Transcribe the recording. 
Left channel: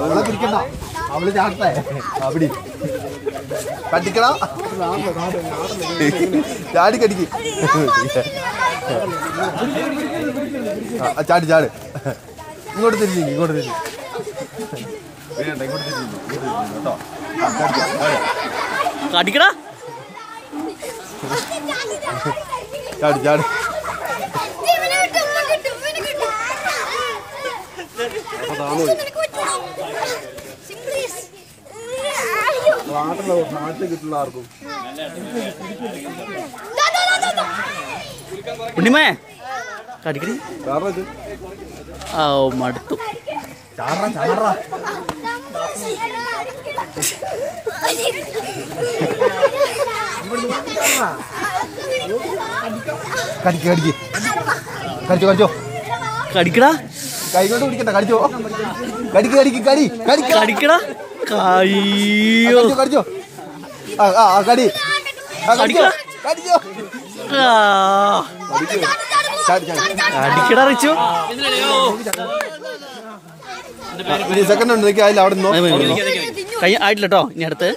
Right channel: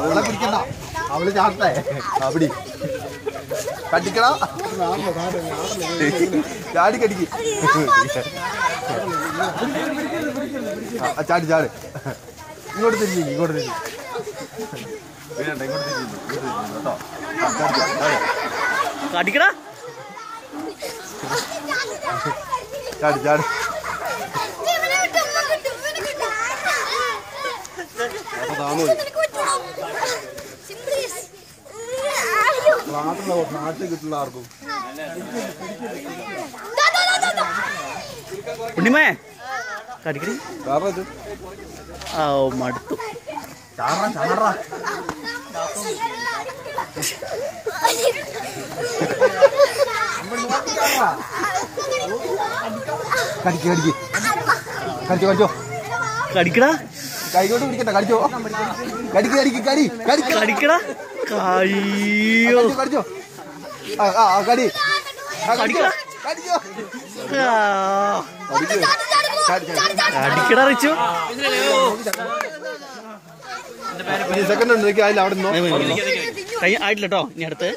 അവളെ പിടിക്കണ്ട, അവള് ചാട്ടേ അവിടെ കടിക്കണ ചാടി കടിക്ക് ചാടി ചാട് ഇങ്ങോട്ട് തിരിഞ്ഞു ഇങ്ങോട്ട് തിരിഞ്ഞു വേണ്ട ഇങ്ങോട്ട് തിരിഞ്ഞു കേട്ടോ കടിക്കടാ ചാടി ചാടി നാട്ടിൽ കിട്ടുള്ള ആർക്കും ഉണ്ണിമേ കടിക്കടി കാരണം ആ മടുത്തു കടിക്ക് കടിക്ക് കടിച്ചോ കടിച്ചോ കടിക്കടാ കൈകൊണ്ട് പിടിക്കണ്ട കടിച്ചോ കടിക്ക് കടിക്ക് കടി കടിക്ക കടിക്കടാ കയ്യോ കടിച്ചോ കടി കടിക്കടാ കടിച്ചോ കടിക്കടാ റിച്ചു സെക്കൻഡ് ഉണ്ട് അതിൽ അവിടെ കൈ ആയിട്ടില്ല കേട്ടോ ഇനി അടുത്ത്